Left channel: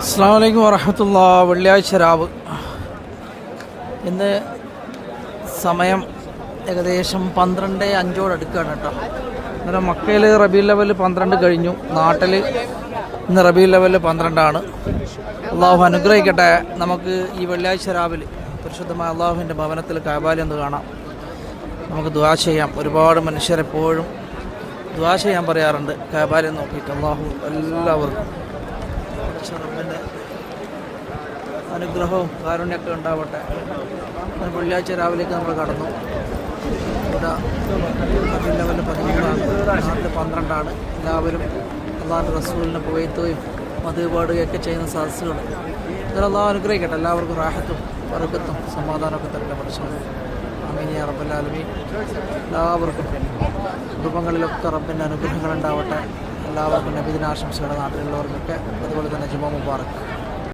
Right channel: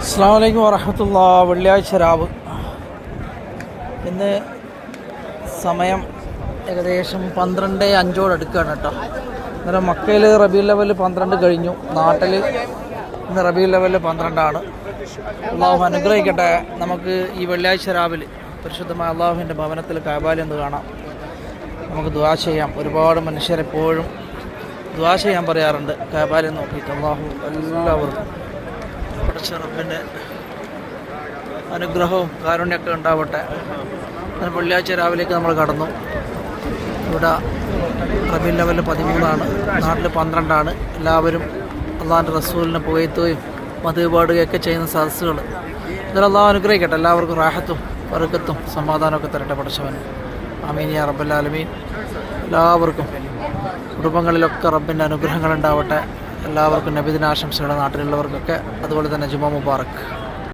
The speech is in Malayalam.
അസ്സാം വലൈക്കും വറഹമത്തുള്ള വെള്ളിയാഴ്ച രാവ്. ഇന്ന് സമയം ഏകദേശം പന്ത്രണ്ട് അഞ്ചോട് അടുക്കുകയാണ് കേട്ടോ. അന്നേരം മക്കയിൽ റബി ലെവൽ പന്ത്രണ്ട് കഴിഞ്ഞു. നാട്ടിൽ ഇന്ന് റബി ലെവൽ പന്ത്രണ്ടാണ്. അള്ളാഹു അനുഗ്രഹിക്കട്ടെ. നമുക്ക് ഈ വെള്ളിയാഴ്ച രാവിലെ പരിശുദ്ധമായ അള്ളാഹുവിന്റെ ഭവനത്തിൽ കാബാലി എന്ന് കാണാം. നമുക്ക് ദ്വാ ചെയ്യാം. ഒരുപാട് മനുഷ്യരെപ്പോഴും ദ്വാ ചെയ്യാൻ പറയാറുണ്ട്. കാബാലി നോക്കിയിട്ട് അള്ളാഹു എല്ലാവർക്കും റബ്ബിന്റെ അനുഗ്രഹവും കാരുണ്യമൊക്കെ ഉണ്ടാവട്ടെ. വെള്ളിയാഴ്ച രാവിലേക്ക് നമ്മൾ കടന്നു. ഇവിടെ റബി ലെവൽ പതിമൂന്നാണ് നാട്ടിൽ പന്ത്രണ്ടാണ്. എല്ലാവരും അള്ളാഹാന്റെ റസൂലിനെ പുകയത്തുകയും മത് പാടുകയൊക്കെ ചെയ്യുന്ന സദസ്സുകൾ അള്ളാഹു അനുഗ്രഹിക്കട്ടെ. എല്ലാവർക്കും റാഹത്തും വറുക്കത്തും സമാധാനമൊക്കെ തരട്ടെ പഠിച്ചവൻ അമീൻ യാ റബ്ബല്ലാലമീൻ എല്ലാവർക്കും കുടുംബങ്ങളിലൊക്കെ റബ്ബിന്റെ അനുഗ്രഹങ്ങൾ ഉണ്ടാവട്ടെ. എല്ലാവർക്കും നബിദിനാശംസയുടെ നാട്ടിലുള്ളവർക്കൊക്കെ. അതുപോലെ തന്നെ ജുമാ മുബാറക്ക്